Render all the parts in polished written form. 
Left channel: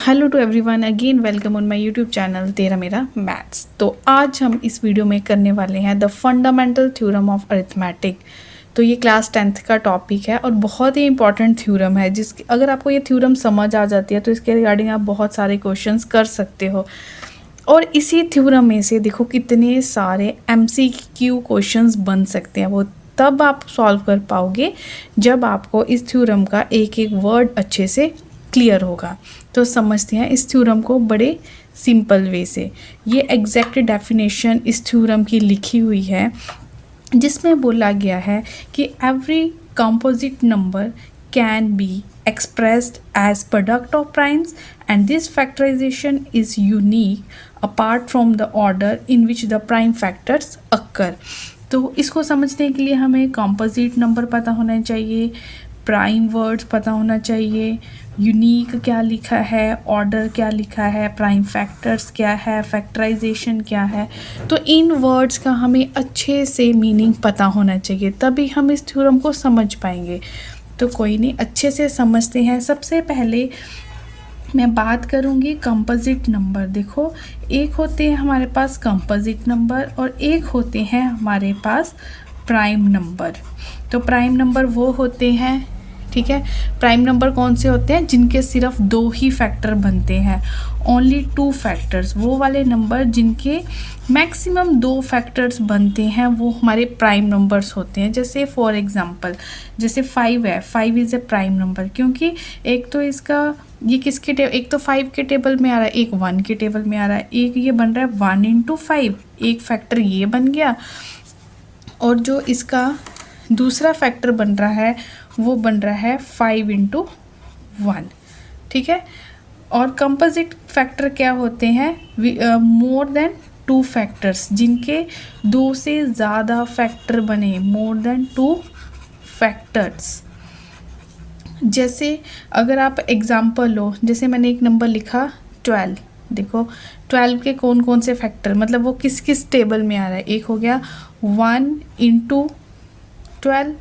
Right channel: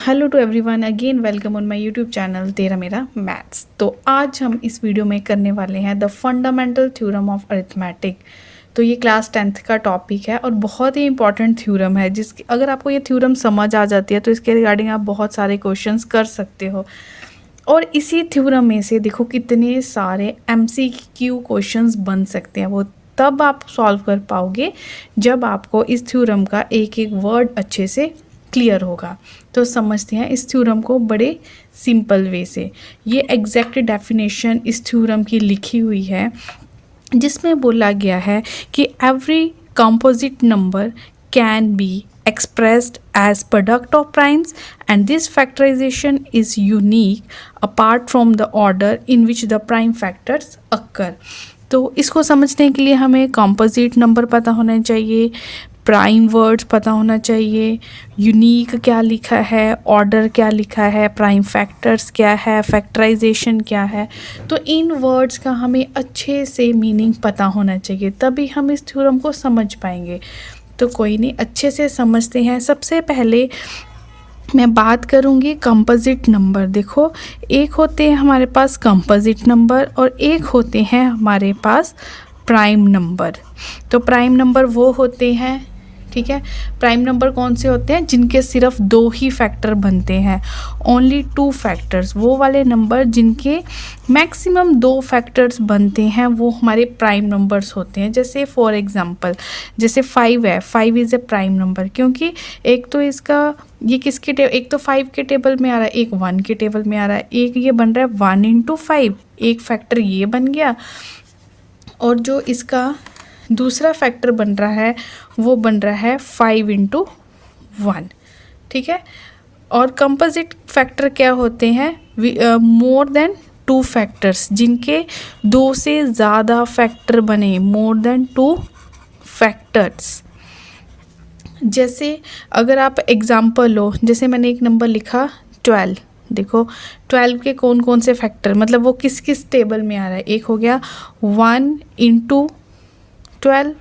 Hello to everyone, again welcome on my YouTube channel तेरा मेरा maths. तो आज हम इस वीडियो में करने वाले हैं the fundamental theorem of arithmetic. तो ये क्लास 10th का टॉपिक है और बहुत ही इंपॉर्टेंट थ्योरम है, जिसकी अगर आपको ये थ्योरम समझ आ जाती है तो इसके रिगार्डिंग आप बहुत सारे क्वेश्चंस कर सकते हो। और इसी थ्योरम में से देखो कितने सारे MCQ क्वेश्चंस बन सकते हैं, वो तब आप सॉल्व कर पाओगे जब आपको इस थ्योरम का एक एक वर्ड अच्छे से क्लियर होगा। तो समझते हैं इस थ्योरम को बड़े सिंपल वे से। ये एग्जैक्ट डेफिनेशन इस थ्योरम की लिखी हुई है, जिसमें बोला गया है कि every composite number can be expressed as product of primes and this factorization is unique apart from the order in which the prime factors occur। तो इसको समझने के लिए हमें कंपोजिट नंबर पता होना चाहिए, प्राइम वर्ड्स पता होना चाहिए, यूनिक क्या लिखा है, ऑर्डर क्या लिखा है, प्राइम फैक्टर्स क्या है, फैक्टराइजेशन क्या है। तो इन वर्ड्स का हमें अच्छे से मीनिंग पता होना चाहिए, तभी हम इस थ्योरम को समझ पाएंगे। तो कोई नहीं, अच्छे से समझते हैं। सबसे पहले मैं बात करूँगी कंपोजिट नंबर। देखो, एक होते हैं हमारे पास कंपोजिट नंबर और एक होते हैं हमारे पास प्राइम नंबर। तो प्राइम नंबर वो होते हैं, ठीक है, प्राइम नंबर कौन से होते हैं जिनके सिर्फ दो ही फैक्टर बनते हैं, ओनली टू फैक्टर्स। वो वाले नंबर जिनके मैक्सिमम दो फैक्टर्स बनते हैं वो हमारे प्राइम नंबर्स होते हैं। जैसे फॉर एग्जांपल, जैसे 5 है, 5 इज़ ए प्राइम नंबर, क्योंकि एक तो इसका ये किसके एक तो 5 के टेबल में आ रहा है, एक 1 के टेबल में आ रहा है, एक ये बन रहा है 1 इंटू 5, एक फैक्टर ये बन गया, और जो इसका दूसरा फैक्टर बन रहा है वो बन रहा है 5 इंटू 1, ठीक है। और कंपोजिट फैक्टर क्या होते हैं, मोर देन 2 फैक्टर्स, जिनके 2 से ज़्यादा फैक्टर बने, मोर देन 2 फैक्टर्स। जैसे अगर आप एग्जांपल लो, जैसे मैंने एक नंबर लिखा 12, देखो 12 के कौन कौन से फैक्टर, मतलब वो किस किस टेबल में आ रहा है। एक हो गया 1 इंटू 12,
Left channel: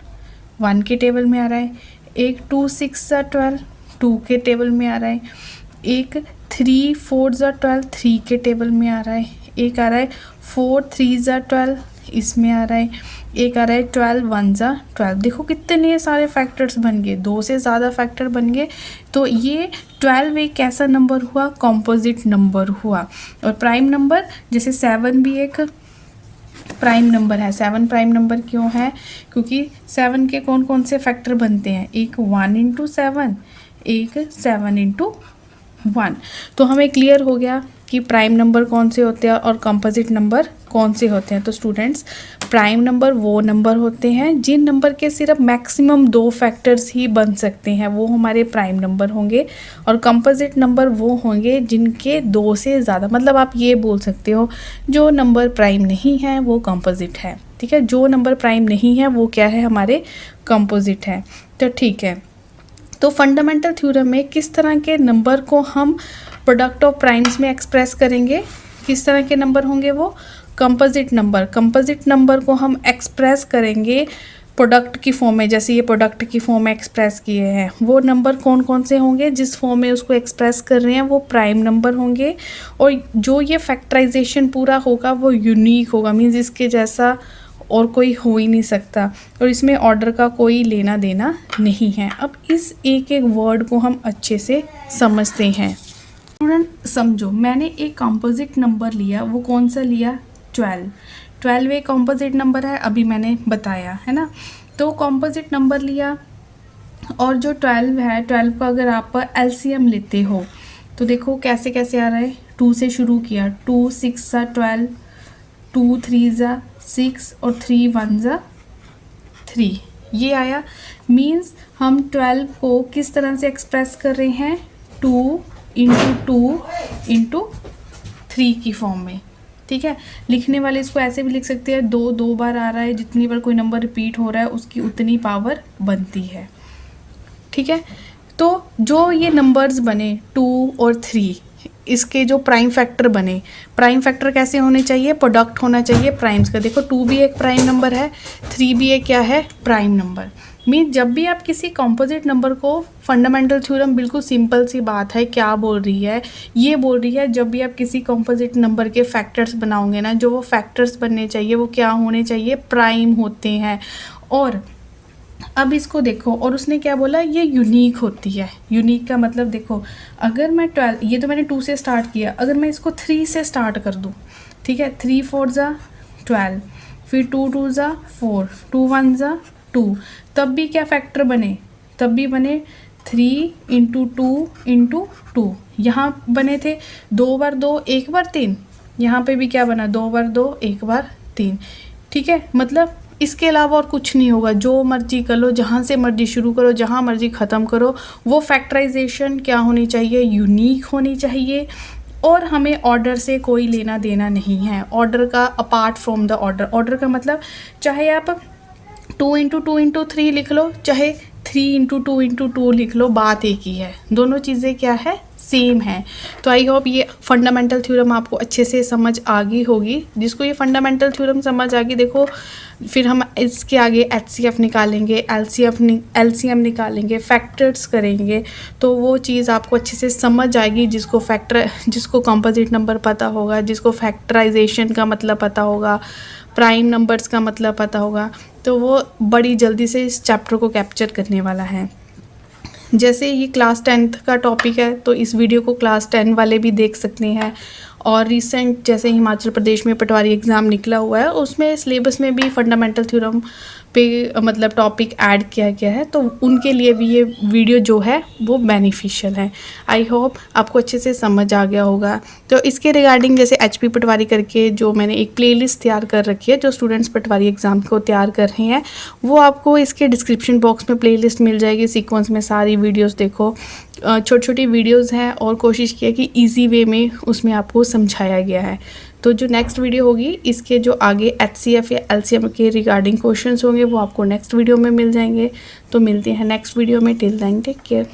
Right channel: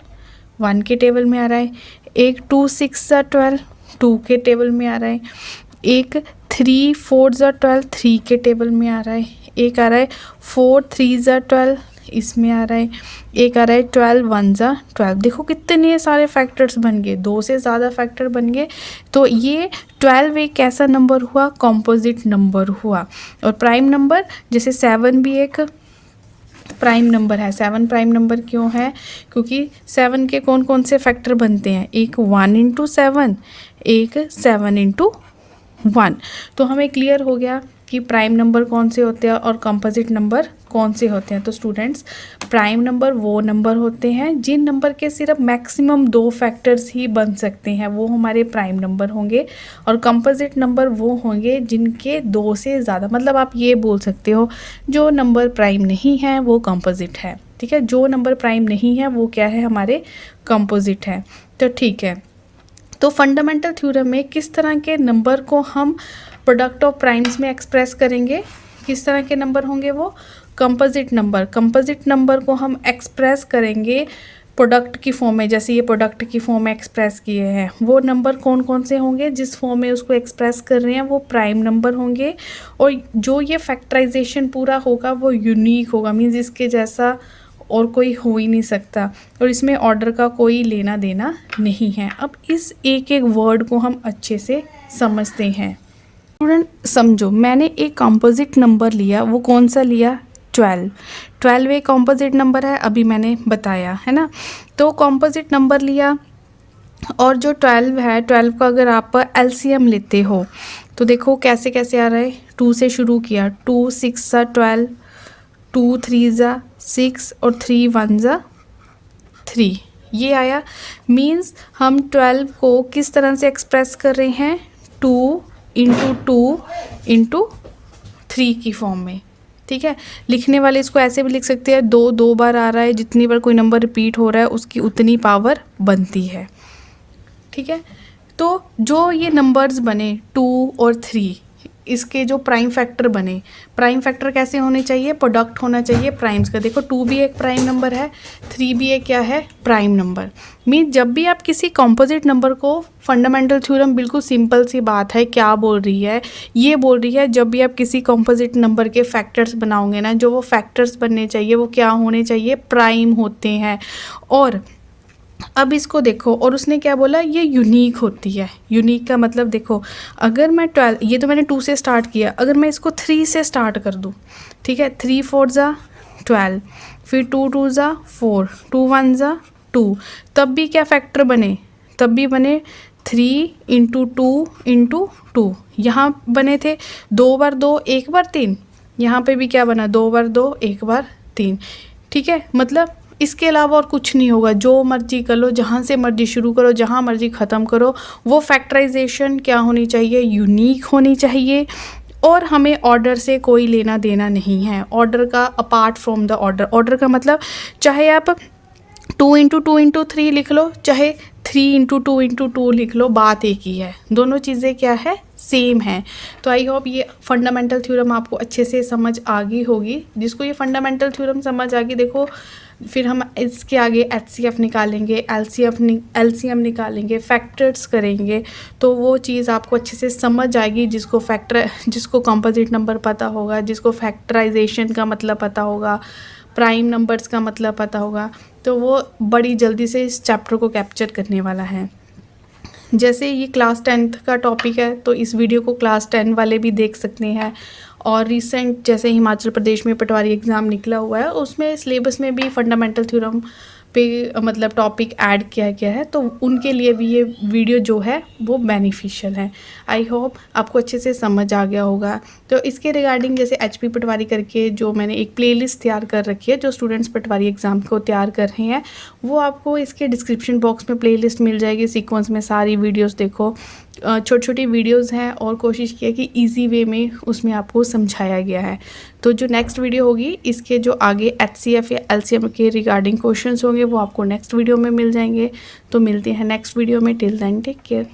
1 के टेबल में आ रहा है, एक 2 6 ज़ा 12, 2 के टेबल में आ रहा है, एक 3 4 ज़ा 12, 3 के टेबल में आ रहा है, एक आ रहा है 4 3 ज़ा 12, इसमें आ रहा है, एक आ रहा है 12 1 ज़ा 12। देखो कितने सारे फैक्टर्स बन गए, 2 से ज़्यादा फैक्टर बन गए। तो ये 12 एक कैसा नंबर हुआ, कंपोजिट नंबर हुआ। और प्राइम नंबर जैसे 7 भी एक प्राइम नंबर है। 7 प्राइम नंबर क्यों है, क्योंकि 7 के कौन कौन से फैक्टर बनते हैं, एक 1 इंटू 7, एक 7 इंटू 1। तो हमें क्लियर हो गया कि प्राइम नंबर कौन से होते हैं और कंपोजिट नंबर कौन से होते हैं। तो स्टूडेंट्स, प्राइम नंबर वो नंबर होते हैं जिन नंबर के सिर्फ मैक्सिमम 2 फैक्टर्स ही बन सकते हैं, वो हमारे प्राइम नंबर होंगे। और कंपोजिट नंबर वो होंगे जिनके 2 से ज़्यादा, मतलब आप ये बोल सकते हो जो नंबर प्राइम नहीं है वो कंपोजिट है, ठीक है। जो नंबर प्राइम नहीं है वो क्या है, हमारे कंपोजिट है। तो ठीक है, तो फंडामेंटल थ्योरम में किस तरह के नंबर को हम प्रोडक्ट ऑफ प्राइम्स में एक्सप्रेस करेंगे, किस तरह के नंबर होंगे वो, कंपोजिट नंबर। कंपोजिट नंबर को हम एक्सप्रेस करेंगे प्रोडक्ट की फॉर्म में, जैसे ये प्रोडक्ट की फॉर्म में एक्सप्रेस किए हैं। वो नंबर कौन कौन से होंगे, जिस फॉर्म में उसको एक्सप्रेस कर रहे हैं वो प्राइम नंबर होंगे। और जो ये फैक्टराइजेशन पूरा होगा वो यूनिक होगा, मीन्स इसके जैसा और कोई हो ही नहीं सकता, और इसमें ऑर्डर का कोई लेना देना नहीं है। अब इस एक एक वर्ड को हम अच्छे से समझते हैं। स्टूडेंट समझो, मैंने एक कंपोजिट नंबर लिया, वो कौन सा लिया, 12। 12 एक कंपोजिट नंबर है, अभी मैंने बताया है ना। तो कंपोजिट नंबर लिया, और जो 12 है, 12 का अगर आप LCM लेते हो तो देखो कैसे कैसे आ रहा है। 2 से शुरू किया, 2 6 ज़ा 12, 2 3 ज़ा 6 और 3 1 ज़ा 3, ये आया। मीन्स हम 12 को किस तरह से एक्सप्रेस कर रहे हैं, 2 इंटू 2 इंटू 3 की फॉर्म में, ठीक है। लिखने वाले इसको ऐसे भी लिख सकते हैं, 2 2 बार आ रहा है, जितनी बार कोई नंबर रिपीट हो रहा है उसकी उतनी पावर बनती है, ठीक है। तो जो ये नंबर्स बने 2 और 3, इसके जो प्राइम फैक्टर बने, प्राइम फैक्टर कैसे होने चाहिए, प्रोडक्ट होना चाहिए प्राइम्स का। देखो 2 भी एक प्राइम नंबर है, 3 भी एक क्या है, प्राइम नंबर। मीन जब भी आप किसी कॉम्पोजिट नंबर को, फंडामेंटल थ्योरम बिल्कुल सिंपल सी बात है, क्या बोल रही है, ये बोल रही है जब भी आप किसी कॉम्पोजिट नंबर के फैक्टर्स बनाओगे ना, जो वो फैक्टर्स बनने चाहिए वो क्या होने चाहिए, प्राइम होते हैं। और अब इसको देखो, और उसने क्या बोला, ये यूनिक होती है। यूनिक का मतलब देखो, अगर मैं 12, ये तो मैंने 2 से स्टार्ट किया, अगर मैं इसको 3 से स्टार्ट कर दूँ, ठीक है, 3 4 ज़ा 12, फिर 2 2 ज़ा 4, 2 1 ज़ा 2, तब भी क्या फैक्टर बने, तब भी बने 3 इंटू 2 इंटू 2, यहाँ बने थे 2 बार 2 1 बार 3, यहाँ पे भी क्या बना, 2 बार 2 1 बार 3, ठीक है। मतलब इसके अलावा और कुछ नहीं होगा, जो मर्जी कर लो, जहाँ से मर्जी शुरू करो, जहाँ मर्जी ख़त्म करो, वो फैक्टराइजेशन क्या होनी चाहिए, यूनिक होनी चाहिए। और हमें ऑर्डर से कोई लेना देना नहीं है, ऑर्डर का, apart from the order. Order का मतलब चाहे आप 2 इंटू 2 इंटू 3 लिख लो, चाहे 3 इंटू 2 इंटू 2 लिख लो, बात एक ही है, दोनों चीज़ें क्या है, सेम है। तो आई होप ये फंडामेंटल थ्योरम आपको अच्छे से समझ आ गई होगी। जिसको ये फंडामेंटल थ्योरम समझ आ गई, देखो फिर हम इसके आगे HCF निकालेंगे, LCM निकालेंगे, फैक्टर्स करेंगे, तो वो चीज़ आपको अच्छे से समझ आएगी। जिसको कंपोजिट नंबर पता होगा, जिसको फैक्टराइजेशन का मतलब पता होगा, प्राइम नंबर्स का मतलब पता होगा, तो वो बड़ी जल्दी से इस चैप्टर को कैप्चर करने वाला है। जैसे ये क्लास 10th का टॉपिक है, तो इस वीडियो को क्लास 10 वाले भी देख सकते हैं। और रिसेंट जैसे हिमाचल प्रदेश में पटवारी एग्ज़ाम निकला हुआ है, उसमें सिलेबस में भी फंडामेंटल थ्योरम पे मतलब टॉपिक ऐड किया गया है, तो उनके लिए भी ये वीडियो जो है वो बेनिफिशियल है। आई होप आपको अच्छे से समझ आ गया होगा। तो इसके रिगार्डिंग जैसे HP पटवारी करके जो मैंने एक प्लेलिस्ट तैयार कर रखी है, जो स्टूडेंट्स पटवारी एग्ज़ाम को तैयार कर रहे हैं, वो आपको इसके डिस्क्रिप्शन बॉक्स में प्लेलिस्ट मिल जाएगी। सीक्वेंस में सारी वीडियोज़ देखो, छोटी छोटी वीडियोज़ हैं, और कोशिश किया कि ईजी वे में उसमें आपको समझाया गया है। तो जो नेक्स्ट वीडियो होगी, इसके जो आगे HCF या LCM के रिगार्डिंग क्वेश्चंस होंगे, वो आपको नेक्स्ट वीडियो में मिल जाएंगे। तो मिलते हैं नेक्स्ट वीडियो में, टिल देन टेक केयर।